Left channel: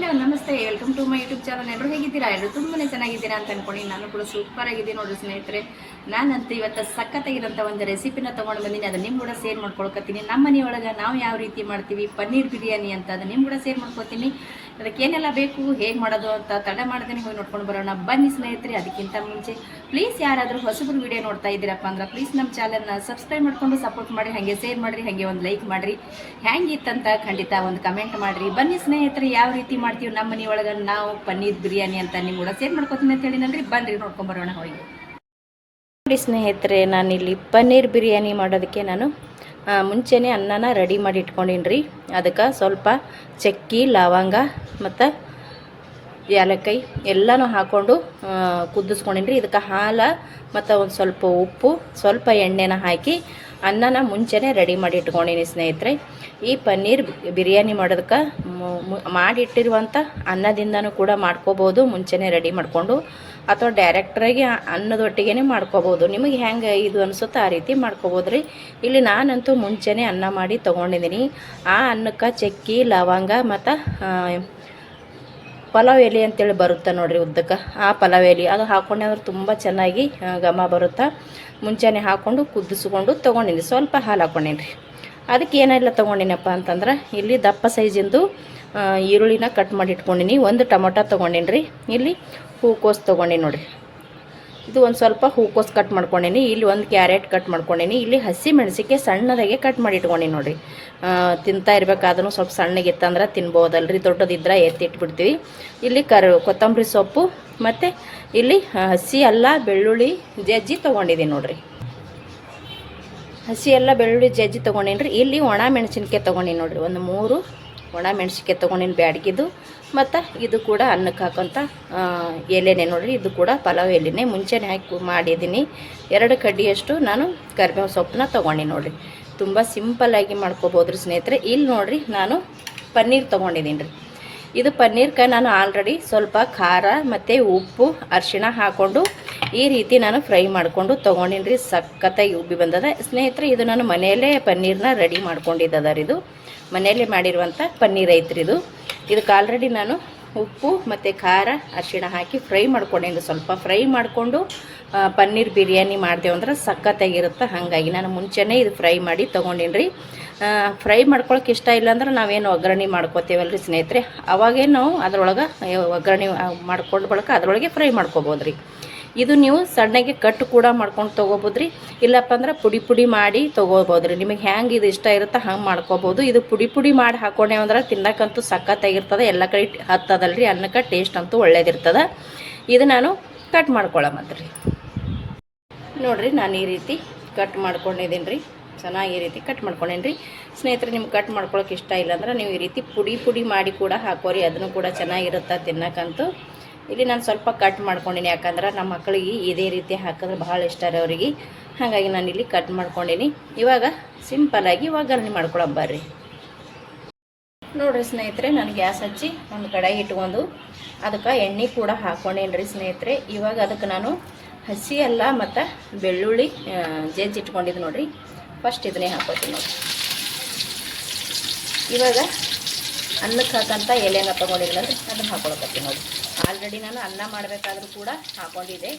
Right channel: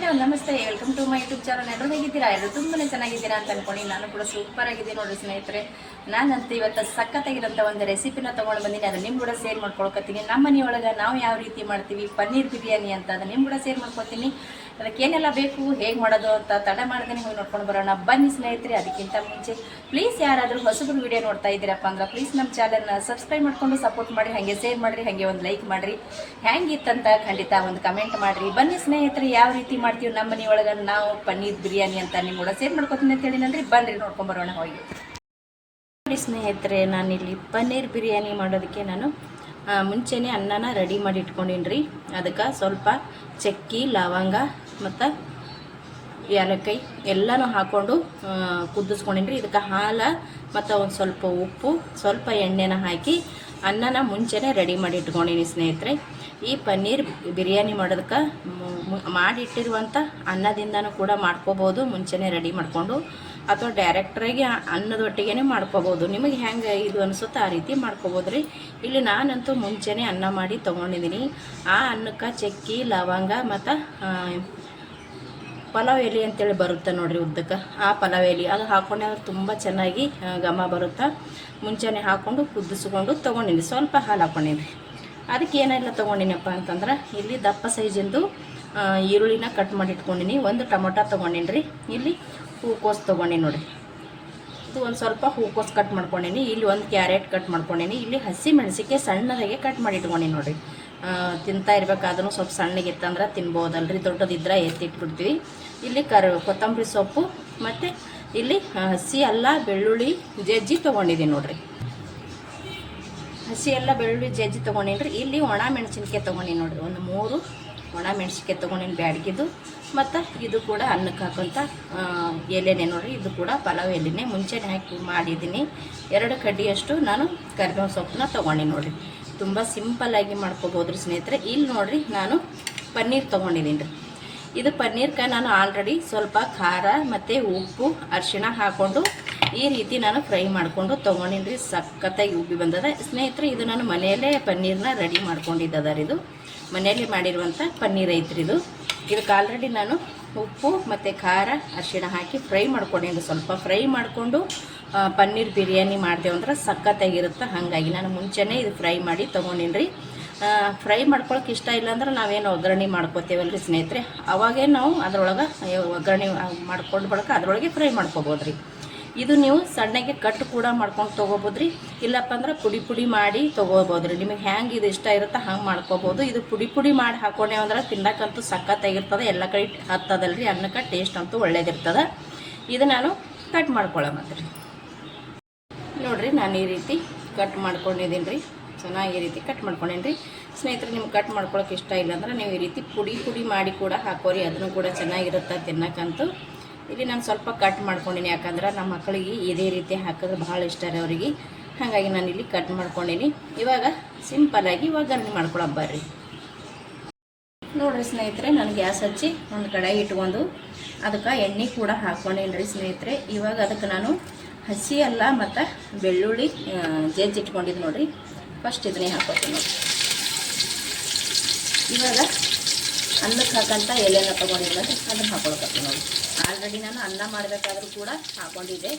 Hello ನಮಸ್ತೆ, welcome to my YouTube channel. ಎಲ್ಲರೂ ಹೇಗಿದ್ದೀರಾ? ಎಲ್ಲರೂ ತುಂಬಾ ಚೆನ್ನಾಗಿದ್ದೀರಾ ಅಂತ ಅನ್ಕೊಂಡು ನಾನು ಕೂಡ ಸೂಪರ್ ಆಗಿದ್ದೀನಿ ನೋಡ್ರಿ ಸ್ನೇಹಿತರೆ. ನಾನಂತೂ ಇವತ್ತು ಸಖತ್ತಾಗಿರೋಂಥ ಒಂದು ರೆಸಿಪಿನ ತೊಗೊಂಡು ಬಂದೀನಿ. ಅದು ನಿಮ್ಮ ಕೂಡ ಶೇರ್ ಮಾಡ್ಕೊಳ್ಕೊತೀನಿ. ನಮ್ಮ ಮನೆಯೊಳಗೆ ನಾವು ಯಾವ ರೀತಿ ಮಾಡ್ತೀವಿ ಪನ್ನೀರ್ ಬಿರಿಯಾನಿ ಅಂತ ಅದು ನಿಮ್ಮ ಕೂಡ ಶೇರ್ ಮಾಡ್ಕೊತೀನಿ. ಅದಕ್ಕೇನೆಲ್ಲ ಬೇಕು, ಹೇಗೆ ಮಾಡೋದು ಅಂತ ತಡ ಮಾಡ್ದೇನೆ ಹೋಗಿ ನೋಡ್ಕೊಂಡು ಬರೋಣ ಬನ್ನಿ ಸ್ನೇಹಿತರೆ. ಅದಕ್ಕಿಂತ ಮುಂಚೆ ಪ್ಲೀಸ್ ಯಾರಾದರೂ ಹೊಸಬ್ರು ವಿಡಿಯೋ ನೋಡ್ತಾ ಇದ್ದೀರಪ್ಪ ಅಂದ್ರೆ ಪ್ಲೀಸ್ ನಮ್ಮ ಚಾನಲ್ನ ಸಬ್ಸ್ಕ್ರೈಬ್ ಮಾಡ್ಕೊಂಡು ಸಪೋರ್ಟ್ ಮಾಡಿ, ಹಾಗೆ ಶೇರ್ ಮಾಡಿರಿ, ಹಾಗೆ ಒಂದು ಲೈಕ್ ಮಾಡಿರಿ. ಹೆಂಗಿತ್ತಂತ ಖಂಡಿತ ಒಂದು ಕಮೆಂಟ್ ಮಾಡಿರಿ. ಬನ್ನಿ ಸ್ನೇಹಿತರೆ, ಯಾವ ರೀತಿ ಮಾಡ್ತೀವಿ ನಮ್ಮ ಮನೆಯೊಳಗೆ ನಾವು ಪನ್ನೀರ್ ಬಿರಿಯಾನಿ ಅಂತ ನಿಮ್ಮ ಕೂಡ ಶೇರ್ ಮಾಡ್ಕೊತೀನಿ ಅಂತ ಹೇಳಿದ್ರಿ. ಬನ್ನಿರಿ ನೋಡ್ಕೊಂಡು ಬರೋಣ ಹೋಗಿ. ನೋಡಿ ಸ್ನೇಹಿತರೆ, ನಾನಿಲ್ಲಿ ಪನ್ನೀರ್ ಬಿರಿಯಾನಿ ಮಾಡೋದಕ್ಕೆ ನಾನು ಮುಂಚೆನೇ ಅನ್ನನ ರೆಡಿ ಮಾಡಿ ಇಟ್ಕೊಂಡಿನಿ ರೀ. ಅದಕ್ಕೆ ಸ್ವಲ್ಪ ಚಕ್ಕಿ, ಲವಂಗ ಮತ್ತು ಏಲಕ್ಕಾಯಿ ಎಲ್ಲನೂ ಹಾಕ್ಕೊಂಡು ಕುದಿಸ್ಕೊಂಡಿನಿ ರೀ. ಇದಕ್ಕೆ ಹಾಲು ಮತ್ತು ಒಂದು ಸ್ವಲ್ಪ ಉಪ್ಪು, ಸ್ವಲ್ಪ ಎಣ್ಣೆನ ಹಾಕಿ ಅನ್ನನ ಮುಂಚೆನೇ ರೆಡಿ ಮಾಡಿ ಇಟ್ಕೊಂಡಿನಿ ಸ್ನೇಹಿತರೆ. ಈ ಪನ್ನೀರ್ ಬಿರಿಯಾನಿ ಮಾಡೋದಕ್ಕೆ ಮಾಡಿಟ್ಟಿರುವಂಥ ಅನ್ನದಿಂದನೂ ಕೂಡ ಮಾಡ್ಕೋಬೋದು, ಮುಂಚೆನೇ ರೆಡಿ ಮಾಡಿಕೊಂಡು, ಅಥವಾ ಡೈರೆಕ್ಟ್ರಾಗಿ ಅನ್ನದೊಟ್ಟಿಗೆ ಮಾಡ್ಕೋಬೋದು. ನಿಮಗೆ ಹೆಂಗೆ ಇದು ಅನಿಸುತ್ತೋ ಆ ರೀತಿ ಮಾಡ್ಕೋಬೋದು ರೀ. ಇಲ್ಲಿ ನಾನಂತೂ ಮುಂಚೆನೇ ಅನ್ನ ಮಾಡಿ ತೊಗೊಂಡಿದ್ದೀನಿ. ಆ ಅನ್ನಕ್ಕೆ ಚಕ್ಕಿ, ಲವಂಗ ಮತ್ತು ಪಲಾವ್ ಎಲೆ ಅಂತೇಳಿ ಬರುತ್ತೆ ನೋಡಿರಿ ಉದ್ದಕ್ಕೆ, ಆ ಪಲಾವ್ ಎಲೆ ಅದು ಹಾಕ್ಕೊಂಡೆ ಅಂದ್ರೆ ತುಂಬ ಚೆನ್ನಾಗಿ ಘಮ ಬರುತ್ತೆ. ಮುಂಚೆನೇ ಹಾಕ್ಕೊಂಡು ಕುದಿಸ್ಕೊಂಡು ತೊಗೊಂಡಿನಿ. ಸ್ವಲ್ಪ ಹಾಲು ಹಾಕ್ಕೊಂಡೀನಿ ರೀ. ಅದಕ್ಕೆ ಏನೆಲ್ಲ ತೊಗೊಂಡಿನಪ್ಪ ಅಂತಂದ್ರೆ, ಇಲ್ಲಿ ದಪ್ಪ ಸೈಜಿಂದು ಈರುಳ್ಳಿನ ಕಟ್ ಮಾಡಿ ಇಟ್ಕೊಂಡಿನಿ. ಒಂದು ಟೊಮೊಟೊ ತೊಗೊಂಡಿನಿ ರೀ. ಇಲ್ಲಿ ಹೂಕೋಸು ತೊಗೊಂಡಿನಿ ನೋಡಿರಿ. ಇದು ಒಂದು ಸ್ವಲ್ಪ ಹೂಕೋಸು ಕಟ್ ಮಾಡ್ಕೊಂಡೀನಿ. ಇಲ್ಲಿ ಒಂದು ಕ್ಯಾರೆಟ್ ಕಟ್ ಮಾಡ್ಕೊಂಡೀನಿ. ಇಲ್ಲಿ ಹಸಿ ಮೆಣಸಿಕಾಯಿ ಸಣ್ಣದಾಗೆ ಕಟ್ ಮಾಡಿ ಇಟ್ಕೊಂಡಿನಿ ನೋಡಿರಿ. ತಿಂತಾ ಇರಬೇಕಾದ್ರೂ ಸ್ವಲ್ಪ ಸಣ್ಣಗಿತ್ತಂದ್ರೆ ತಿನ್ಬೋದಲ್ರಿ, ದೊಡ್ಡದಿದ್ರೆ ಎತ್ತಿಟ್ಬಿಡ್ತೀವಿ. ಇಲ್ಲಿ ಕೊತ್ತಂಬರಿ ಸೊಪ್ಪು ಮತ್ತು ಇಲ್ಲಿ ಹಸಿ ಅಲ್ಲ ಬೆಳ್ಳುಳ್ಳಿ ಜಜ್ಜಿ ತೊಗೊಂಡಿದ್ದೀನಿ ನೋಡಿರಿ. ಹಸಿ ಎಲ್ಲ ಬೆಳ್ಳುಳ್ಳಿ ಜಜ್ಜಿ ತೊಗೊಂಡಿನಿ ರೀ. ಇಲ್ಲಿ ಒಣ ಮೆಣಸಿನ್ಕಾಯಿ ತೊಗೊಂಡಿನಿ ನೋಡಿರಿ. ಒಂದು 3 ಒಣ ಮೆಣಸಿನ್ಕಾಯಿ ತೊಗೊಂಡಿನಿ ಬ್ಯಾಡಗಿದ್ದು. ಮತ್ತು ಇದು ಕೂಡ ಅನ್ನಕ್ಕೆ ಹಾಕೋಂಥ ಎಲೆನೇ ನೋಡಿರಿ. ಇದು ಕೂಡ ಪಲಾವ್ ಎಲೆನೇ ಮುಂಚೆನೇ ಹಾಕಿ ಮಾಡಿದ್ದೀನಿ. 2 ಕಡ್ಡಿಯಷ್ಟು ನಾನು ಕರಿಬೇವು ಸೊಪ್ಪನ್ನ ತೊಗೊಂಡಿನಿ ನೋಡಿರಿ. ತುಂಬ ಸಿಂಪಲ್ಲಾಗಿ ಮಾಡ್ಕೋಬೋದು ರೀ ಸ್ನೇಹಿತರೆ. ಇಲ್ಲಿ ನೋಡಿರಿ, ನಾನು ಪನ್ನೀರ್ ತೊಗೊಂಡಿದ್ದೀನಿ ರೀ. ಇದು ಪನ್ನೀರ್ಗೆ ನಾನು ಆಲ್ರೆಡಿ ಸ್ವಲ್ಪ ಖಾರ ಮತ್ತು ಉಪ್ಪು, ಅರಿಶಿಣ ಹಾಕ್ಕೊಂಡು ಈ ರೀತಿ ನಾನು ಫ್ರೈ ಮಾಡಿಕೊಂಡು ತೊಗೊಂಡಿನಿ ರೀ. ಸಖತ್ತಾಗಿ ಉಬ್ಬಿ ಬಂದದ ಸ್ನೇಹಿತರೆ. ಇದು ನಾನು ಮನೆಯಲ್ಲೇ ಪನ್ನೀರನ್ನ ರೆಡಿ ಮಾಡ್ಕೊಂಡಿದ್ದದ ರೀ. ಇದು ಮನೆಯಲ್ಲೇ ಮಾಡಿರುವಂಥ ಪನ್ನೀರ್ ಐತ್ರಿ. ಇದಕ್ಕೆ ಆಲ್ರೆಡಿ ನಾನು ಉಪ್ಪು ಮತ್ತು ಖಾರ, ಅರಿಶಿಣ ಹಾಕಿ ಫ್ರೈ ಮಾಡ್ಕೊಂಡೇನು. ಸ್ವಲ್ಪ ಫ್ರೈ ಮಾಡಿಕೊಂಡು ಪನ್ನೀರ್ ಬಿರಿಯಾನಿ ಮಾಡಿದೆವು ಅಂದ್ರೆ ಸಖತ್ತಾಗಿರುತ್ತೆ. ಹಾಗಾಗಿ ನಾನು ಮುಂಚೆನೇ ಇದು ಫ್ರೈ ಮಾಡಿ ತೊಗೊಂಡಿನಿ ರೀ. ಫ್ರೈ ಮಾಡ್ಕೊಳಕ್ಕೆ ಇಷ್ಟ ಇಲ್ಲಾಂದ್ರೆ ನಾವೇನು ಒಗ್ಗರಣೆ ಮಾಡ್ಕೋತೀವಲ್ಲ ರೀ ಸ್ನೇಹಿತರೆ, ಅವಾಗೇ ನಾವು ಅದರೊಳಗೆ ಒಗ್ಗರಣೆ ಮಾಡ್ಕೊಂಡು ಬಳಕ ಅದರೊಳಗೆ ಫ್ರೈ ಮಾಡ್ಕೋಬೋದು ರೀ. ಇದು ನೀವು ಸಣ್ಣಗೆ ಕಟ್ ಕೂಡ ಮಾಡ್ಕೊಂಡು ತೊಗೋಬೋದು ರೀ. ಇಲ್ಲಪ್ಪ ಅಂದ್ರೆ ಪುಡಿ ಮಾಡಿ ತೊಗೋಬೋದು ರೀ. ನಿಮಗೆ ಹೆಂಗೆ ಇದು ಇಷ್ಟ ಇರುತ್ತೆ ಹಂಗೆ ಮಾಡ್ಕೋಬೋದು. ಇದು ಪುಡಿ ಮಾಡಿ ಹಾಕೊಂಡೇವು ಅಂದ್ರೆ ತಿನ್ನಕ್ಕಂತೂ ಸಖತ್ತಾಗಿರ್ತದೆ. ಎಲ್ಲ ಕಡೆ ಹತ್ತದಲ್ಲ ರೀ, ಅನ್ನಕ್ಕೆ ಟೇಸ್ಟ್ ಅಂತೂ ಒಳ್ಳೇದಿರ್ತದೆ. ಇದು ನಾನು ಕಟ್ ಮಾಡ್ಕೊಳ್ಳೋಮಂತ ರೀ. ನೋಡಿರಿ, ನಾನು ಈ ರೀತಿ ಕಟ್ ಮಾಡ್ಕೊಂಡಿದ್ದೀನಿ ರೀ. ಚೆನ್ನಾಗಿ ಈ ರೀತಿ ಕಟ್ ಮಾಡ್ಕೊಂಡೇನಿ ರೀ ಸ್ನೇಹಿತರೆ. ನಿಮ್ಗೆ ಕಟ್ ಮಾಡ್ಕೊಳಕ್ಕೆ ಇಷ್ಟ ಇಲ್ಲಾಂದ್ರೆ ನೀವು ಈ ರೀತಿ ಪುಡಿ ಮಾಡಿ ಕೂಡ ಹಾಕೋರಿ, ಅದನ್ನು ಕೂಡ ಚೆನ್ನಾಗಿರುತ್ತೆ ತಿನ್ನಕ್ಕಂತೂ. ಇಲ್ಲಿ ನಾನು ಸ್ವಲ್ಪ ಕಟ್ ಮಾಡ್ಕೊಂಡಿನಿ, ಯಾಕಂದ್ರೆ ನಮ್ಮ ಮಕ್ಕಳಿಗೆ ಇದೇ ರೀತಿ ಹಾಕಿದ್ರೆ ಭಾಳ ಇಷ್ಟ ರೀ ಅವರಿಗೆ. ಹಾಗಾಗಿ ನಾನು ಇಲ್ಲಿ ಕಟ್ ಮಾಡ್ಕೊಂಡಿನಿ. ಇವಾಗ ಸಿಂಪಲ್ಲಾಗಿ ಒಗ್ಗರಣೆ ಮಾಡ್ಕೊಳಕ್ಕೆ ಬರ್ರಿ. ನೋಡಿರಿ ಸ್ನೇಹಿತರೆ, ನಾನು ಗ್ಯಾಸ್ ಹಚ್ಚಿ ಒಂದು ಕಡಾಯಿ ಇಟ್ಕೊಂಡು ಅದಕ್ಕೆ ಎಣ್ಣೆ ಕೂಡ ಹಾಕ್ಕೊಂಡೇನಿ ರೀ ಸ್ನೇಹಿತರೆ. ಇವಾಗ ಅದಕ್ಕೆ ನಾನು ಹಸಿ ಅಲ್ಲ ಮತ್ತು ಬೆಳ್ಳುಳ್ಳಿ ಜಜ್ಜಿ ಇಟ್ಕೊಂಡಿದ್ದು ನೋಡಿರಿ. ಫಸ್ಟ್ ಇದನ್ನೇ ಹಾಕೋತೀನಿ. ಇವಾಗ ಅನ್ನಕ್ಕೆ ಹಾಕಂತ ಎಲೆನ ತೊಗೊಂಡಿಲ್ಲ ಅಂದರೆ ಅದನ್ನು ಹಾಕೊಳ್ತೀನಿ ನೋಡಿ. ಆಲ್ರೆಡಿ ನಾನು ಅನ್ನ ಮಾಡಬೇಕಾದ್ರೂ ಕೂಡ ಹಾಕ್ಕೊಂಡಿದ್ದೆ,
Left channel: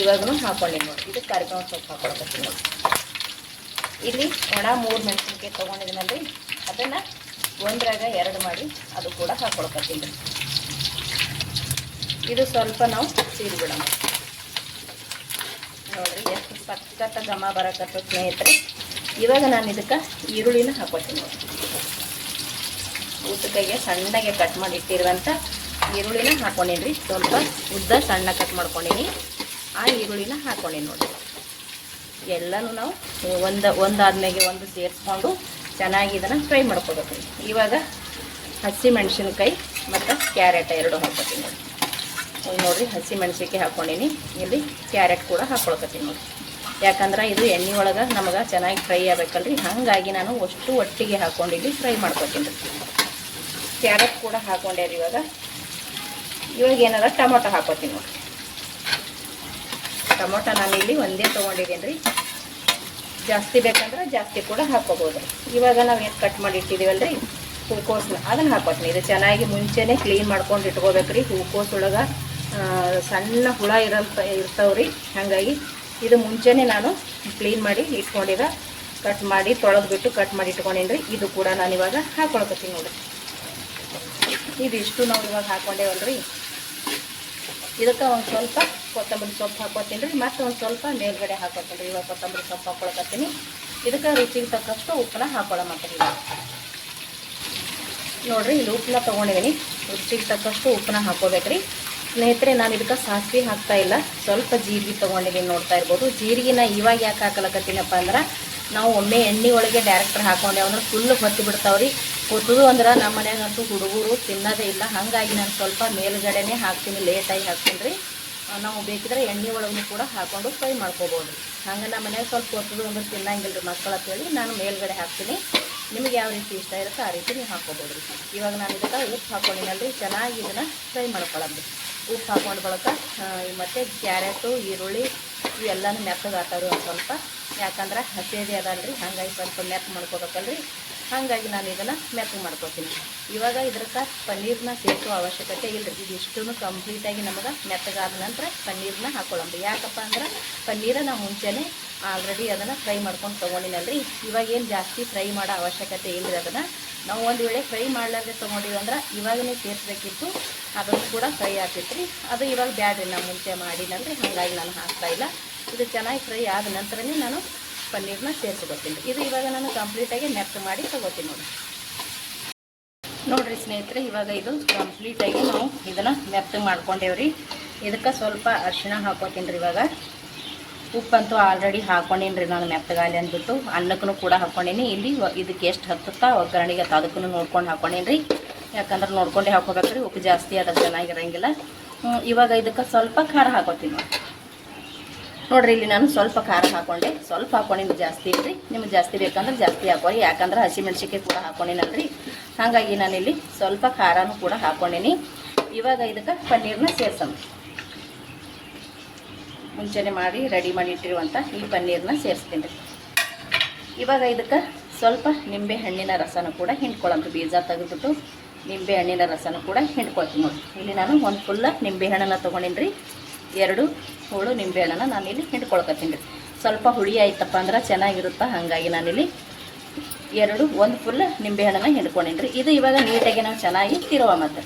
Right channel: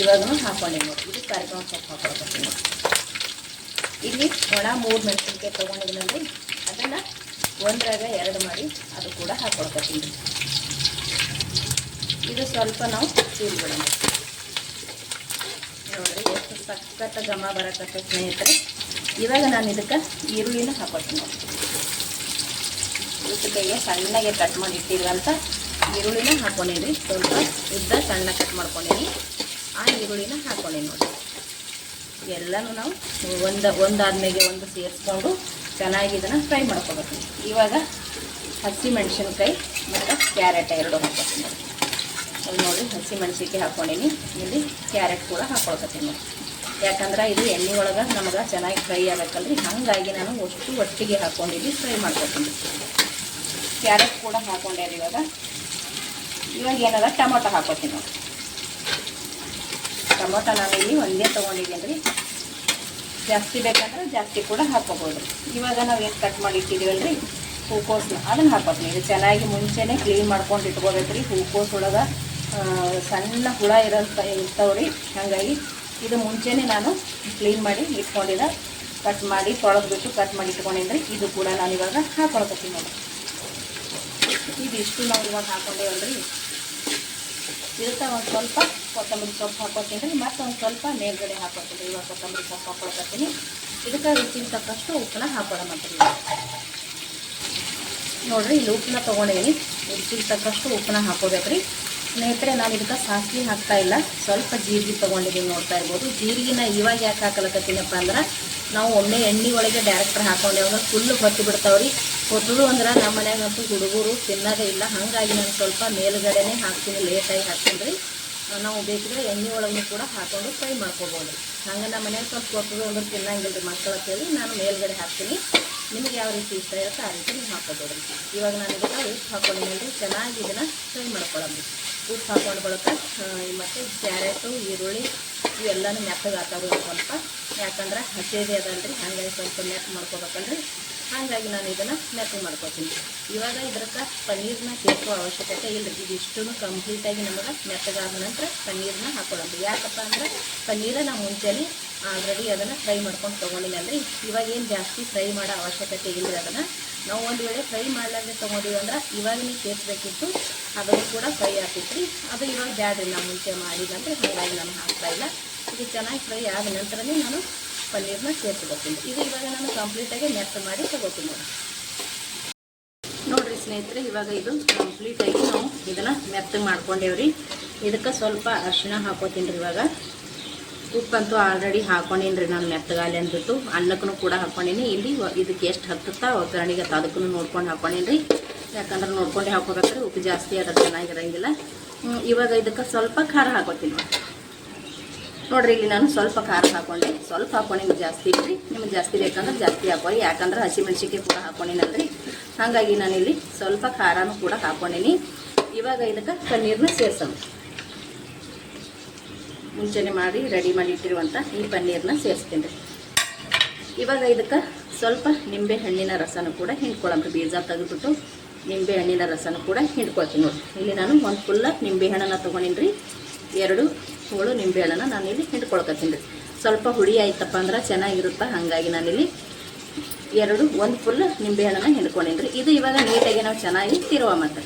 ಇವಾಗೂ ಹಾಕ್ಕೊಂಡಿನಿ ನೋಡಿ. ಇದು ಕರಿಬೇವು ಸೊಪ್ಪು ಹಾಕೊಳ್ತೀನಿ ನೋಡಿ. ಇಲ್ಲಿ ಒಣ 3 ಮೆಣಸಿನ್ಕಾಯಿ ತೊಗೊಂಡಿದ್ಮೇಲೆ ಅದನ್ನು ಒಂದ್ರಾಗ 2 ಮಾಡಿ ಅದು ಕೂಡ ಹಾಕೊಳ್ತೀನಿ ರೀ. ಇದು ಸ್ವಲ್ಪ ನಾವು ಸೀರಿಬಿಡೋಣ ನೋಡಿರಿ. ಎಷ್ಟು ಸಖತ್ತ ಘಮ ಬರಕತ್ತ ಸ್ನೇಹಿತರೆ. ಇವಾಗ ನಾನು ಇದಕ್ಕೆ ಈರುಳ್ಳಿನ ಹಾಕೋತೀನಿ ನೋಡಿ. ಉದ್ದಕ್ಕೆ ಸಣ್ಣಗೆ ಕಟ್ ಮಾಡಿ ಇಟ್ಟಿರುವಂಥ ಈರುಳ್ಳಿನ ಹಾಕ್ಕೊಂಡೀನಿ ರೀ. ಸ್ವಲ್ಪ ಉದ್ದ ಸಣ್ಣ ಕಟ್ ಮಾಡ್ಕೊಂಡೀನಿ. ಆ ಈರುಳ್ಳಿನ ಹಾಕ್ಕೊಂಡೀನಿ ನೋಡಿ. ಎಲ್ಲನೂ ನಾವು ಒಂದಾದ್ಮೇಲೆ ಒಂದು ಸೇರಿಸ್ಕೊಂಡು ಚೆನ್ನಾಗಿ ಇದನ್ನು ಫ್ರೈ ಮಾಡ್ಕೋಬೇಕು. ಇವಾಗ ಹಸಿ ಮೆಣಸಿನ್ಕಾಯಿ ಮತ್ತು ಕ್ಯಾರೆಟ್ 2 ಹಾಕ್ಕೊತೀನಿ ನೋಡಿ. ನೋಡಿರಿ, ಹಸಿ ಮೆಣಸಿನ್ಕಾಯಿ ಹಾಕ್ಕೊಂಡೀನಿ. ಇಲ್ಲಿ ಕ್ಯಾರೆಟ್ ಕೂಡ ಹಾಕ್ಕೊಳ್ತೀನಿ ನೋಡಿ. ಯಾಕಂದ್ರೆ ಇದು ಎಣ್ಣೆ ಒಳಗೆ ನಮಗೆ ಚೆನ್ನಾಗಿ ಫ್ರೈ ಆಗಬೇಕಲ್ರಿ, ಹಾಗಾಗಿ ನಾನು ಅಷ್ಟು ಒಟ್ಟಿಗೆ ಹಾಕ್ಕೊಂಡಿದ್ದು ಫ್ರೈ ಮಾಡ್ಕೊತೀನಿ. ಕ್ಯಾರೆಟ್ ಕೂಡ ಹಾಕ್ಕೊಂಡೇರಿ. ಇವಾಗ ಏನಾರ ಟೊಮೊಟೊ ಹಾಕೋತೀನಿ. ಟೊಮೊಟೊ ನಾನು ಇಲ್ಲಿ ಒಂದೇ ತೊಗೊಂಡಿದ್ದೀನಿ ರೀ. ಜಾಸ್ತಿ ಬೇಕಂದ್ರೆ ಜಾಸ್ತಿ ಕೂಡ ಹಾಕೋಬೋದು. ಇವಾಗ ನಾವು ಏನು ಕಟ್ ಮಾಡಿ ಇಟ್ಟಿದ್ದೀವಲ್ರಿ ಹೂಕೋಸು ಅದನ್ನು ಹಾಕೋತೀನಿ. ಇದು ಚೆನ್ನಾಗಿ ಮುಂಚೆನೇ ಕ್ಲೀನ್ ಮಾಡ್ಕೊಂಡು ಇಟ್ಕೋಬೇಕ್ರಿ. ಹೂಕೋಸು ಒಳಗೆ ಸಣ್ಣ ಹುಳ ಇರ್ತಾವ್ರಿ. ಹಾಗಾಗಿ ಇದು ಮುಂಚೆನೇ ನಾನು ಕ್ಲೀನ್ ಮಾಡಿ ಇಟ್ಕೊಂಡಿದ್ದ, ಕಟ್ ಮಾಡಿ ತೊಳೆದ್ಬಿಟ್ಟು ಕಟ್ ಮಾಡಿ ಇಟ್ಕೊಂಡಿದ್ರಿ. ಇದು ಕೂಡ ನಾನು ಇವಾಗ ಹಾಕೊಳ್ಕೊತೀನಿ ನೋಡಿ. ಇದಿಷ್ಟು ನಾವು ಇವಾಗ ಹಾಕ್ಕೊಂಡೇವಲ್ರಿ. ಇದಕ್ಕೆ ಒಂದು ಸ್ವಲ್ಪ ಕೊತ್ತಂಬರಿ ಸೊಪ್ಪು ಹಾಕ್ಕೊತೀನಿ ರೀ. ಮತ್ತು ಒಂದು ಸ್ವಲ್ಪ ಮೇಲ್ಗಡೆ ಹಾಕ್ಕೊತೀನಿ ರೀ. ಇವಾಗ ಕೊತ್ತಂಬರಿ ಸೊಪ್ಪು ಹಾಕ್ಕೊಳ್ಕೊತೀನಿ. ಇದಕ್ಕೆ ರುಚಿಗೆ ತಕ್ಕಷ್ಟು ಉಪ್ಪನ್ನ ಹಾಕ್ಕೊಳ್ಳೋಮತ್ತೀವಿ ನೋಡಿರಿ. ಇಲ್ಲಿ ಉಪ್ಪನ್ನ ತೊಗೊಂಡೇನಿ. ರುಚಿಗೆ ತಕ್ಕಷ್ಟು ಉಪ್ಪನ್ನ ಹಾಕ್ಕೋಬೇಕ್ರಿ ಸ್ನೇಹಿತರೆ. ನಾನು ಇದಕ್ಕೆ ಸಾಸಿವೆ ಹಾಕ್ತಾ ಇಲ್ಲ, ಸ್ವಲ್ಪ ಜೀರಿಗೆ ತೊಗೊಂಡಿದ್ದೀನಿ. ನೋಡ್ತಾ ಇರ್ಬೋದು. ಜೀರಿಗೆನ ಇವಾಗ ಯಾಕೆ ಹಾಕಲಕತ್ತೀನಪ್ಪ ಅಂದ್ರೆ ನಾವು ಒಮ್ಮೆ ಎಣ್ಣೆ ಒಳಗೆ ಡೈರೆಕ್ಟ್ ಹಾಕೊಂಡೇವನ್ನ ಫುಲ್ ಹೊತ್ತು ಬಿಡ್ತಾವ್ರಿ. ಹೊತ್ತದು ಅಂದ್ರೆ ನಮ್ಮ ಮನ್ಯಾಗಂತೂ ಹುಡುಗರು ತಿನ್ನೋದೇ ಇಲ್ಲ. ಹಾಗಾಗಿ ನಾನು ಸ್ವಲ್ಪ ಮೇಲುಗಡೆನೇ ಹಾಕ್ತೀನಿ, ಲೇಟಾಗಿ ಹಾಕ್ತೀನಿ ರೀ. ನಾವು ಬೇಕಿದ್ರೆ ಎಣ್ಣೆ ಒಳಗೂ ಕೂಡ ಹಾಕ್ಕೊಂಡು ಫ್ರೈ ಮಾಡ್ಕೋಬೋದು. ಹಂಗೆ ನಮ್ಮ ಮನೆಯಾಗ ಸ್ವಲ್ಪ ಹೊತ್ತದು ಅಂದ್ರೆ ತಿನ್ನಂಗಿಲ್ಲ ರೀ ಮಕ್ಕಳು ಅಂತೇಳಿ ನಾನು ಮೇಲ್ಗಡೆ ಹಾಕ್ತೀನಿ. ನಿಮಗೆ ಯಾವ ರೀತಿ ಇಷ್ಟ ಇರುತ್ತೆ ಆ ರೀತಿ ನೀವು ಹಾಕ್ಕೋಬೋದು. ಇವಾಗ ನಾನು ಇದಕ್ಕೆ ಉಪ್ಪು ಹಾಕ್ಕೊಂಡಿನಲ್ರಿ. ಚೆನ್ನಾಗಿ ಇದನ್ನು ಫ್ರೈ ಮಾಡ್ಕೊಳ್ಳೋದು. ಉಪ್ಪು ಹಾಕ್ಕೊಂಡು ಬಳಕ ಮತ್ತು ಕ್ಯಾರೆಟು, ಈರುಳ್ಳಿ ಇವೆಲ್ಲನೂ ಮೆತ್ತಗೆ ಹಾಕೋದು ಸ್ವಲ್ಪ. ಯಾಕಂದ್ರೆ ಹಸಿದೇ ಅದಲ್ರಿ, ಹಾಗಾಗಿ ಸ್ವಲ್ಪ ಮೆತ್ತ ಮಾಡ್ಕೋಬೇಕಲ್ರಿ. ಹಾಗಾಗಿ ನಾನು ಇದನ್ನು ಮೆತ್ತಗೆ ಮಾಡ್ಕೊತೀನಿ. ಇವಾಗ ಇದಕ್ಕೆ ಪನ್ನೀರನ್ನ ಸೇರಿಸುವ ಅವಶ್ಯಕತೆ ಇಲ್ಲ. ಇದಿಷ್ಟು ಕಂಪ್ಲೀಟಾಗಿ ನಮಗೆ ಮೆತ್ತಗಾದ ನಂತರ ಪನ್ನೀರನ್ನ ಹಾಕೊಳ್ಳೋದು. ಯಾಕಪ್ಪ ಅಂದರೆ ಪನ್ನೀರ ನಾವು ಮುಂಚೆನೇ ಆಲ್ರೆಡಿ ಅದನ್ನು ಫ್ರೈ ಮಾಡ್ಕೊಂಡು ತೊಗೊಂಡಿನಲ್ರಿ. ಇವಾಗೇನು ಜಾಸ್ತಿ ಫ್ರೈ ಮಾಡೋ ಅವಶ್ಯಕತೆ ಇಲ್ಲ. ಅದನ್ನು ನಾವು ಒಂದು ವೇಳೆ ಫ್ರೈ ಮಾಡಲಾಗೆ ತೊಗೊಂಡಿವಿ ಅಂದ್ರೆ ಇವಾಗನೇ ಸೇರಿಸ್ಬೇಕಿತ್ತು. ಅದನ್ನು ಕೂಡ ಫ್ರೈ ಆಗ್ತಿತ್ತು ರೀ. ಅದು ಇವಾಗ ಬ್ಯಾಡ್ರಿ, ನಾನು ಮುಂಚೆ ಮಾಡಿಲ್ಲಂದ್ರೆ ಹಾಗಾಗಿ ನಾನು ಹಾಕ್ತಾಯಿಲ್ಲ. ಇದು ಚೆನ್ನಾಗಿ ಫ್ರೈ ಆದ ನಂತರನೇ ನಾನು ಪನ್ನೀರನ್ನ ಸೇರಿಸ್ಕೊತೀನಿ. ಇದು ಇವಾಗ ನಾನು ಕಂಪ್ಲೀಟಾಗಿ ಮೆತ್ತ ಮಾಡಿ ತೊಗೋತೀನಿ ನೋಡಿರಿ ಸ್ನೇಹಿತರೆ. ಇವಾಗ ಇದು ಕಂಪ್ಲೀಟಾಗಿ ನಾವು ಇದನ್ನು ಮೆತ್ತಗೆ ಮಾಡ್ಕೊಂಡೇವ್ರಿ. ಇದಕ್ಕೆ ಸ್ವಲ್ಪ ಅರಿಶಿಣ ಹಾಕೋತೀನಿ ರೀ. ಇವಾಗ ಉಪ್ಪಂತೂ ಆಲ್ರೆಡಿ ಹಾಕ್ಕೊಂಡೀನಿ ರೀ ನಾನು ಮೆತ್ತಗಾಲಿ ಅಂದ್ಬಿಟ್ಟು. ಅನ್ನಕ್ಕೂ ಕೂಡ ಹಾಕ್ಕೊಂಡೀನಿ. ಇಲ್ಲಿ ಇದಕ್ಕೆ ಎಷ್ಟು ಹತ್ತುತ್ತಾ ಒಗ್ಗರಣೆಗೆ ಅದಕ್ಕೂ ನೋಡ್ಕೊಂಡು ಹಾಕ್ಕೊಂಡೀನಿ ರೀ. ಯಾಕಂದ್ರೆ ನೋಡ್ಕೊಂಡೇ ಹಾಕೋಬೇಕ್ರಿ. ಉಪ್ಪು ಜಾಸ್ತಿ ಅದ್ರ ಚೆನ್ನಾಗಿರಂಗಿಲ್ಲ. ಇವಾಗ ಇದಕ್ಕೆ ಸ್ವಲ್ಪ ಖಾರ ಹಾಕೋತೀನಿ ನೋಡಿರಿ. ಇಲ್ಲಿ ನಾನು ಸ್ವಲ್ಪ ಖಾರ ಹಾಕ್ಕೊಂಡೆ, ಸ್ವಲ್ಪ ಹಾಕ್ಕೊಂಡಿನಿ, ಜಾಸ್ತಿ ಇಲ್ರಿ. ನಿಮ್ಗೆ ಜಾಸ್ತಿ ಬೇಕಂದ್ರೆ ಜಾಸ್ತಿ ಹಾಕೊಳ್ಳಿ. ಯಾಕಂದ್ರೆ ಹಸಿಮೆಣ್ಸಿಕಾಯಿ ಕೂಡ ಹಾಕ್ಕೊಂಡಿನಲ್ರಿ. ಹಾಗಾಗಿ ನಾನಿಲ್ಲಿ ಸ್ವಲ್ಪ ಖಾರನೂ ಕೂಡ ಹಾಕ್ಕೊಂಡಿನಿ. ಇವಾಗ ಇದಕ್ಕೆ ಪನ್ನೀರನ್ನ ಸೇರ್ಸೋಣ. ಮುಂಚೆನೆ ಮಾಡಿ ರೆಡಿ ಮಾಡಿ ಇಟ್ಟಿರುವಂಥ ಈ ಪನ್ನೀರನ್ನ ಸೇರಿಸ್ತೀನಿ. ಇವಾಗ ಇದಕ್ಕೆ ಸ್ವಲ್ಪ ನಿಂಬೆ ಹಣ್ಣಿನ ರಸನೂ ಕೂಡ ಹಿಂಡ್ಕೊಳ್ಳೋಣ. ಬೀಜ ತೆಗೆದ್ಬಿಟ್ಟು ನಿಂಬೆ ಹಣ್ಣಿನ ರಸನೂ ಕೂಡ ಹಿಂಡ್ಕೊಳ್ತೀನಿ ನೋಡಿ. ಇಲ್ಲಿ ನಾನು ಒಂದು ಫುಲ್ಲ ನಿಂಬೆ ಹಣ್ಣನ್ನು ತೊಗೊಂಡಿನಿ ರೀ. 2 ಹೋಳು ನಿಂಬೆ ಹಣ್ಣನ್ನು ನಾನಿಲ್ಲಿ ಹಿಂಡ್ಕೊಳ್ಕೊತೀನಿ ರೀ. ಸ್ವಲ್ಪ ಹುಳಿ ಆಯ್ತಪ್ಪ ಅಂದ್ರೆ ಚೆನ್ನಾಗಿರುತ್ತೆ. ಹಾಗಾಗಿ ನಾನಿಲ್ಲಿ ಒಂದು ಫುಲ್ ನಿಂಬೆ ಹಣ್ಣನ್ನು ಹಿಂಡ್ಕೊಂಡಿನಿ ರೀ. ಇದು ಇವಾಗ ನೀಟಾಗಿ ನಾವು ಚೆನ್ನಾಗಿ ತಿರುವ ಮತ್ತೆ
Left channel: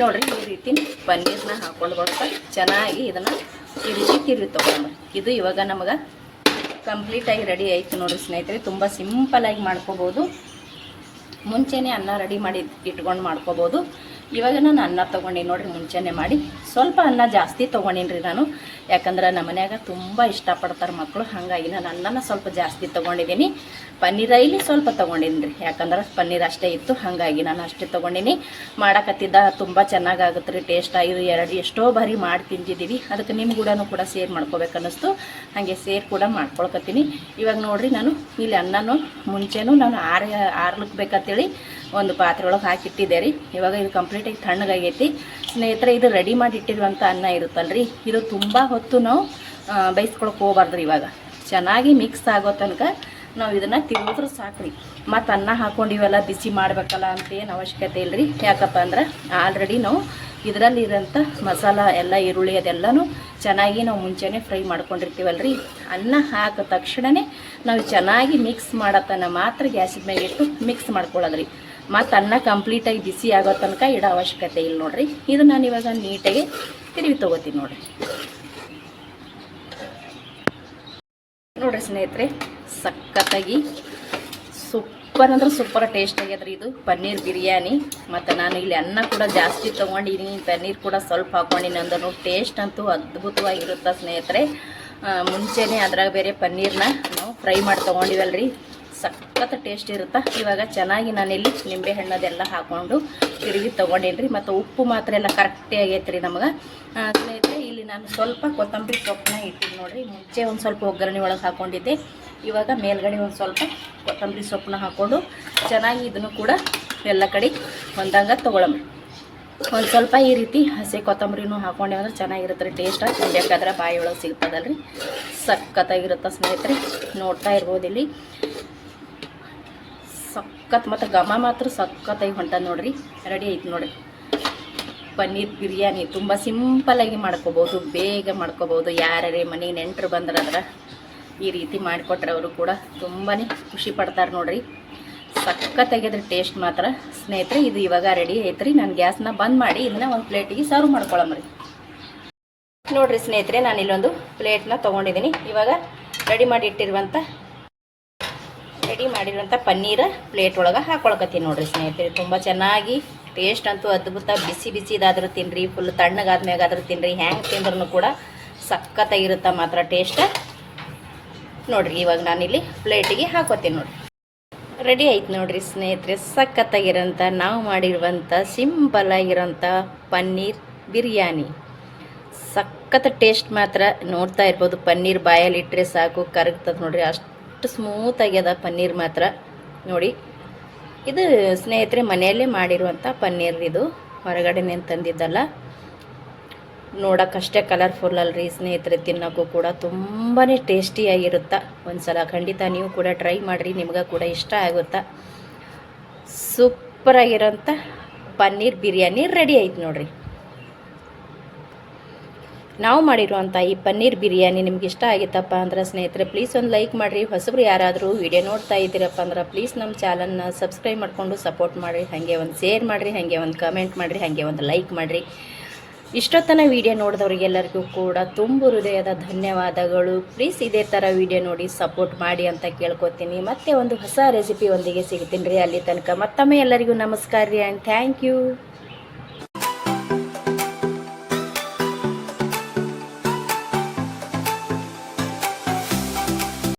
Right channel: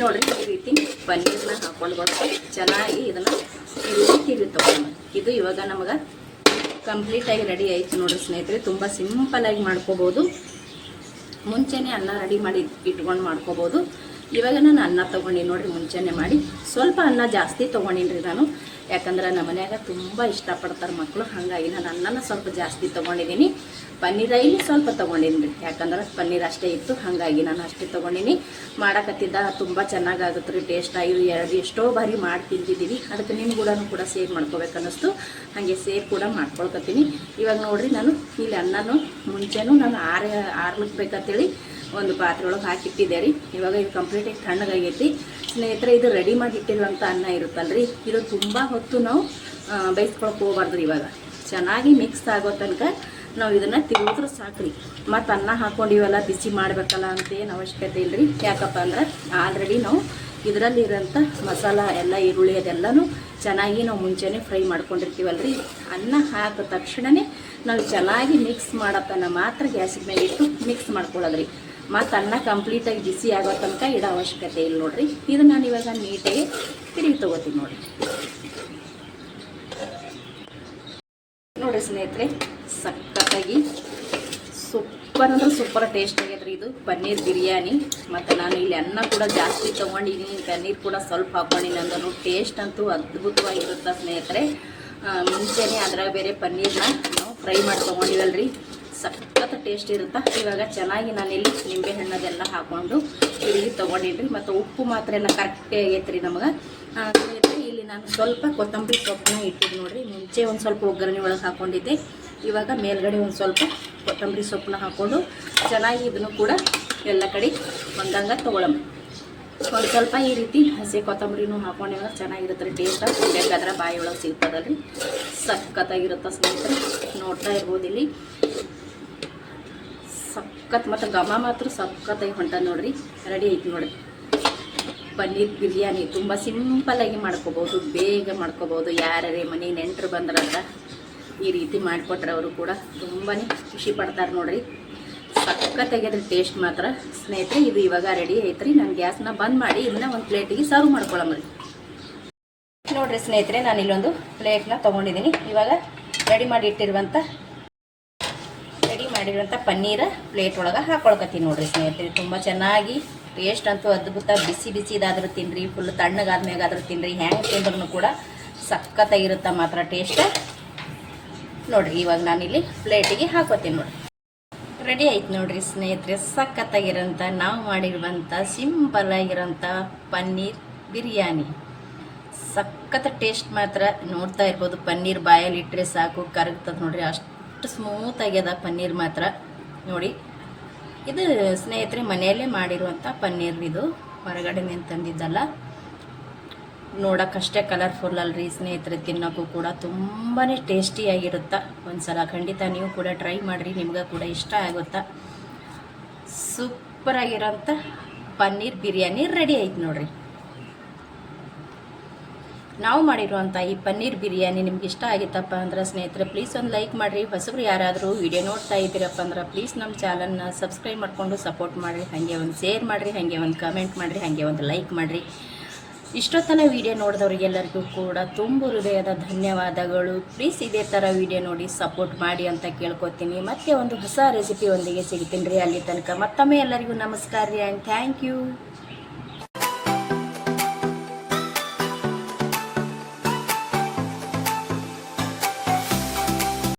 ನೋಡಿರಿ. ಈ ರೀತಿ ಪನ್ನೀರನ್ನ ಹಾಕ್ಕೊಂಡು ಚೆನ್ನಾಗಿ ಇದನ್ನು ಈ ರೀತಿ ತಿರುವಿ ತೊಗೊಂಡು ಇದು ಇವಾಗ ನಮಗೆ ಕಂಪ್ಲೀಟಾಗಿ ರೆಡಿ ಆಯಿತು ನೋಡಿರಿ ಸ್ನೇಹಿತರೆ. ತುಂಬ ಸಿಂಪಲಾಗಿ ಮಾಡ್ಕೋಬೋದು. ಮುಂಚೆನೇ ಅನ್ನ ರೆಡಿ ಮಾಡಿ ಇಟ್ಕೊಂಡು ಮಾಡ್ಕೋಬೋದು. ಇವಾಗ ನಾನು ಅನ್ನ ತೊಗೊಂಡಿನಿ ನೋಡಿರಿ. ಮುಂಚೆನೇ ಮಾಡಿ ಸ್ವಲ್ಪ ಅನ್ನ ಜಾಸ್ತಿ ತೊಗೊಂಡಿನಿ ರೀ ನಾನು. ಯಾಕಂದ್ರೆ ನಮ್ಮ ಮನ್ಯಾಗ ತುಂಬ ಇಷ್ಟಪಡ್ತಾರೆ ಮಕ್ಕಳು. ಹಾಗಾಗಿ ನಾನು ಅನ್ನನ ಸ್ವಲ್ಪ ಜಾಸ್ತಿ ತೊಗೊಂಡಿದ್ದೀನಿ. ಪನ್ನೀರ ಇಲ್ಲಿ ಸ್ವಲ್ಪ ತೊಗೊಂಡಿನಿ ರೀ. ಯಾಕಂದ್ರೆ ಪನ್ನೀರ್ ಅಷ್ಟೇ ಇತ್ತು, ಹಾಗಾಗಿ ನಾನು ಅಷ್ಟೇ ತೊಗೊಂಡಿನಿ. ಮಾಡಕತ್ತಿದ್ದ ತುಂಬ ಚೆನ್ನಾಗಾಗುತ್ತೆ ರೀ. ಟೇಸ್ಟ್ ಆಗಿ ಎಷ್ಟೋ ಬಾರಿ ಮಾಡಿ ತಿಂತಿದ್ದೀವಿ. ಅದಕ್ಕೆ ನಿಮ್ಮ ಕೂಡ ಸೇರ್ ಮಾಡ್ಕೋಬೇಕು ಅನ್ನಿಸ್ತು. ಹಾಗೆ ಸೇರ್ ಕೂಡ ಮಾಡ್ಕೊಳ್ಕತ್ತೀನಿ. ಇವಾಗ ನೋಡಿರಿ, ನಾನು ಇಲ್ಲಿ ಅನ್ನನೂ ಮುಂಚೆನೂ ನಾನು ಆರ್ಲಿಕ್ಬೇಕಂತೇಳಿ ಒಂದು ಪಾತ್ರೆ ಒಳಗೆ ಹಾಕಿಟ್ಟಿದ್ದೆ ರೀ. ಇವಾಗ ಇದು ಕಂಪ್ಲೀಟಾಗಿ ತಣ್ಣಗಾಗೈತಿ ಸ್ನೇಹಿತರೆ. ಇದು ರೆಡಿ ಮಾಡಿ ಇಟ್ಟಿರುವಂಥ ಅನ್ನ ಇರುತ್ತಲ್ರಿ, ಇದು ತುಂಬ ಹೊತ್ತು ನಾವು ಬೇಯಿಸ್ಕೊಳಕ್ಕೆ ಹೋಗ್ಬಾರ್ದು. ಇವಾಗ ಚೆನ್ನಾಗಿ ಮಿಕ್ಸ್ ಆಗೋ ತನಕ ನಾವು ಇದನ್ನು ತಿರುಗಿದ್ರೆ ಸಾಕ್ರಿ. ಮತ್ತು ಅನ್ನ ಹಾಕ್ಕೊಂಡಿವೆಲ್ಲ ಬಿಸಿ ಮಾಡಬೇಕಲ್ಲ ಅಂತೇನು ಅವಶ್ಯಕತೆ ಇಲ್ಲ ರೀ. ಯಾಕಪ್ಪ ಅಂದ್ರೆ ಆಲ್ರೆಡಿ ನಾವು ಇದರಲ್ಲಿ ಇರೋಂಥ ಮಸಾಲ ಎಲ್ಲ ಈರುಳ್ಳಿ ಅದೆಲ್ಲನೂ ಚೆನ್ನಾಗಿ ನಾವು ಮುಂಚೆನೇ ಫ್ರೈ ಮಾಡ್ಕೊಂಡಿರ್ತೀವಲ್ರಿ. ಅನ್ನ ಹಾಕಿದ ತಕ್ಷಣವೇ ನಾವು ಚೆನ್ನಾಗಿ ಮಿಕ್ಸ್ ಮಾಡತ್ತನ ಮಾತ್ರ ಗ್ಯಾಸಿನ ಮೇಲೆ ಇಟ್ಟು ಮಿಕ್ಸ್ ಮಾಡ್ಕೊಳ್ಳೋದ್ರಿ. ಮತ್ತು ಅನ್ನ ಕಂಪ್ಲೀಟಾಗಿ ಬಿಸಿ ಆಗೋ ತನಕ ಇಡೋ ಅವಶ್ಯಕತೆ ಇಲ್ಲ ನೋಡಿರಿ. ಇದು ನಾನು ಇವಾಗ ನೀಟಾಗಿ ತಿರುವಿ ತೊಗೋತೀನಿ ನೋಡಿರಿ. ನೋಡಿರಿ ಸ್ನೇಹಿತರೆ, ಸಖತ್ತಾಗಿ ಸೂಪರ್ ಅಂದ್ರೆ ಸೂಪರ್ ಟೇಸ್ಟ್ ಆಗ್ಯದ್ರಿ ಇದು ಪನ್ನೀರ್ ಬಿರಿಯಾನಿ. ಮತ್ತು ನಾನು ಇಲ್ಲಿ ಅನ್ನ ಕೂಡ ಜಾಸ್ತಿ ತೊಗೊಂಡಿನಿ, ಪನ್ನೀರ್ ಕೂಡ ಸ್ವಲ್ಪ ಹಾಕ್ಕೊಂಡಿನಿ ಅಂದ್ರೂ ಟೇಸ್ಟ್ ಅಂತೂ ಅದ್ಭುತವಾಗಿರುತ್ತೆ ಸ್ನೇಹಿತರೆ. ಮುಂಚೆನೇ ಅದ್ರಾಗ ಬೇರೆ ಪನ್ನೀರ್ನ ನಾವು ಫ್ರೈ ಮಾಡಿ ತೊಗೊಂಡಿವಲ್ರಿ, ಸಖತ್ ಟೇಸ್ಟ್ ಇರುತ್ತೆ. ಇವಾಗ ಚೆನ್ನಾಗಿ ನಾನಿಲ್ಲಿ ನಿಂಬೆ ಹಣ್ಣದೆಲ್ಲ ಹಾಕ್ಕೊಂಡು ತಿರುಗಿ ತೊಗೊಂಡಿನಿ. ಮತ್ತು ಉಪ್ಪು ಮಾತ್ರ ಎಲ್ಲ ಕರೆಕ್ಟೇ ಆಗೈತೆ ರೀ ನಮಗೆ ಸ್ನೇಹಿತರೆ. ಇಲ್ಲಿ ನಾನು ಸ್ವಲ್ಪ ಕೊತ್ತಂಬರಿ ಸೊಪ್ಪನ್ನ ಇಟ್ಟಿದ್ದು ನೋಡಿರಿ. ಮುಂಚೆ ಒಂದು ಸ್ವಲ್ಪ ಒಗ್ಗರಣೆ ಒಳಗೆ ಹಾಕ್ಕೊಂಡಿದ್ದೆ. ಇವಾಗ ಮೇಲ್ಗಡೆ ಒಂದು ಸ್ವಲ್ಪ ಕೊತ್ತಂಬರಿ ಸೊಪ್ಪನ್ನ ಹಾಕ್ಕೊಂಡು ಚೆನ್ನಾಗಿ ಇದನ್ನು ಕೂಡ ಎಲ್ಲ ಕಡೆ ಹೊಂದಂಗೆ ತೊಗೊಳೋಣ. ಒಂದು ಸ್ವಲ್ಪ ಈ ರೀತಿ ಹಸಿ ಕೊತ್ತಂಬರಿನೂ ಹಾಕ್ಕೊಂಡೇವಂದ್ರೆ ಚೆನ್ನಾಗಿರುತ್ತೆ ರೀ. ಟೇಸ್ಟ್ ಬೇಕಾದ್ರೆ ಬಾಯಿ ಒಳಗೆ ಸಿಗ್ತದಲ್ರಿ, ಸಖತ್ತಾಗಿರುತ್ತೆ ಸ್ನೇಹಿತರೆ. ನೋಡ್ತಾ ಇರ್ಬೋದು ಇಲ್ಲಿ ಸಖತ್ ಮತ್ತು ಘಮ ಮಾತ್ರ ಸಖತ್ತಾಗಿ ಹೊಂಟದ ನೋಡ್ರಿ. ರೆಡಿ ಐತಿ ನೋಡ್ರಿ ಪನ್ನೀರ್ ಬಿರಿಯಾನಿ. ತುಂಬ ಸಿಂಪಲಾಗಿ ಮಾಡ್ಕೋಬೋದು, ಬೇಗ ಮಾಡ್ಕೋಬೋದು. ಯಾರೇ ಮನೆಗೆ ನೆಂಟರು ಬಂದ್ರಾದ್ರೆ ಈ ರೀತಿ ಮಾಡಿಕೊಟ್ರೆ ಅವರು ಕೂಡ ತುಂಬಾ ಖುಷಿ ಪಡ್ತಾರೆ ನೋಡ್ರಿ. ಸಖತ್ತಾಗ್ಯದ್ರಿ ಟೇಸ್ಟ್ ಮಾತ್ರ ಸ್ನೇಹಿತರೆ. ಇದು ಇವಾಗ ರೆಡಿ ಐತ್ರಿ. ನಾನು ಗ್ಯಾಸ್ನ ಬಂದ್ ಮಾಡಿ ಇದನ್ನ ಒಂದು ಪ್ಲೇಟಿಗೆ ಸರ್ವ್ ಮಾಡ್ಕೊಳ್ಳೋಮ್ರಿ. ನೋಡ್ರಿ ಸ್ನೇಹಿತರೆ, ನಾನು ಇಲ್ಲೊಂದು ಪ್ಲೇಟ್ನ ತೊಗೊಂಡಿದ್ದೀನಿ. ಇವಾಗ ರೆಡಿ ಮಾಡಿರುವಂಥ ಪನ್ನೀರ ಪ್ಲೇಟ್ ಒಳಗೆ ಹಾಕೊಳಕತ್ತೀನಿ ನೋಡ್ರಿ ಸ್ನೇಹಿತರೆ. ತುಂಬ ಚೆನ್ನಾಗಿ ಟೇಸ್ಟ್ ಅಂತೂ ಅದ್ಭುತ. ಬಿಸಿ ಇದಾದರೂ ತಿನ್ನಿರಿ, ಫುಲ್ ತಣ್ಣಗಾದ್ಮೇಗಾದರೂ ತಿನ್ನಿರಿ, ಹ್ಯಾಂಗೆ ತಿಂದ್ರೂ ಕೂಡ ಸಖತ್ತಾಗಿರುತ್ತೆ ಮಾತ್ರ ಟೇಸ್ಟ್ ನೋಡ್ರಿ. ಇವಾಗ ನಾನಿಲ್ಲಿ ಪ್ಲೇಟಿಗೆ ಹಾಕೋತೀನಿ ನೋಡ್ರಿ. ರೆಡಿ ಆಯ್ತು ನೋಡ್ರಿ ಸ್ನೇಹಿತರೆ, ಸಖತ್ತಾಗಿರೋಂಥ ನಾವು ಮಾಡಿರುವಂಥ ಸಿಂಪಲ್ ಆಗಿರೋಂಥ ಪನ್ನೀರ್ ಬಿರಿಯಾನಿ. ಸಖತ್ ಟೇಸ್ಟ್ ಮಾತ್ರ ನೋಡ್ತಾ ಇರ್ಬೋದು. ಪನ್ನೀರ್ ಬಾಯಲ್ಲಿ ಇಟ್ಟರೆ ಸಾಕು ಕರಗ್ತದೆ ನೋಡ್ರಿ, ಅಷ್ಟು ಸ್ಮೂತ್ ಆಗ್ಯದ ಪನ್ನೀರ್ ಮಾತ್ರ ನೋಡಿ. ಇದು ಸ್ನೇಹಿತರೆ ಮನೆಯಲ್ಲೇ ಮಾಡಿರುವಂಥ ಪನ್ನೀರ್, ಇದು ಹೊರಗಡೆನೇ ತಂದಿದ್ದಲ್ಲ. ನೋಡೋಕ್ಕಷ್ಟೇ ಕಲರ್ಫುಲ್ ಅಲ್ರಿ ಸ್ನೇಹಿತರೆ, ತಿನ್ನೋಕ್ಕೂ ಕೂಡ ತುಂಬಾ ಟೇಸ್ಟಿಯಾಗಿರುತ್ತೆ. ಒಂದ್ಸಲ ಖಂಡಿತ ನೀವು ಕೂಡ ಟ್ರೈ ಮಾಡಿರಿ, ನಿಮ್ಗೆ ಕೂಡ ಇಷ್ಟ ಆಗುತ್ತಾ. ಸೂಪರಾಗಿರೋಂಥ ಪನ್ನೀರ್ ಬಿರಿಯಾನಿ ರೆಡಿ ಆಯ್ತು ನೋಡ್ರಿ. ನಾವು ಮಾಡಿರುವಂಥ ಈ ಪನ್ನೀರ್ ಬಿರಿಯಾನಿ ನಿಮ್ಗೆ ಇಷ್ಟ ಆಗಿತ್ತಪ್ಪ ಅಂದ್ರೆ ಸ್ನೇಹಿತರೆ ಪ್ಲೀಸ್ ಒಂದು ಲೈಕ್ ಮಾಡಿರಿ. ಹೊಸಬ್ರು ಯಾರಾದರೂ ವಿಡಿಯೋ ನೋಡ್ತಾ ಇದ್ದೀರಪ್ಪ ಅಂದ್ರೆ ಪ್ಲೀಸ್ ನಮ್ಮ ಚಾನಲ್ನ ಸಬ್ಸ್ಕ್ರೈಬ್ ಮಾಡಿಕೊಂಡು ಸಪೋರ್ಟ್ ಮಾಡಿರಿ. ಹಾಗೆ ಒಂದು ಶೇರ್ ಮಾಡಿರಿ, ಹಾಗೆ ಒಂದು ಕಮೆಂಟ್ ಮಾಡಿರಿ, ಹಾಗೆ ಒಂದು ಲೈಕ್ ಮಾಡಿರಿ. ಇಷ್ಟೊತ್ತನ ವಿಡಿಯೋ ನೋಡಿದವ್ರಿಗೆಲ್ಲರಿಗೂ ಕೂಡ ತುಂಬ ಹೃದಯದ ಧನ್ಯವಾದಗಳು. ಪ್ಲೀಸ್ ಇದೇ ಥರ ವಿಡಿಯೋ ನೋಡಿ ಸಪೋರ್ಟ್ ಮಾಡಿ ಅಂತ ಕೇಳ್ಕೊತೀನಿ. ಮತ್ತೆ ಒಂದು ಹೊಸ ರೆಸಿಪಿ ಒಂದಿಗೆ ಸಿಗ್ತೀನಿ ರೀ. ಅಲ್ಲಿ ತನಕ ಮತ್ತೊಮ್ಮೆ ಎಲ್ಲರಿಗೂ ನಮಸ್ಕಾರ ರೀ ಆ್ಯಂಡ್ ಥ್ಯಾಂಕ್ ಯು.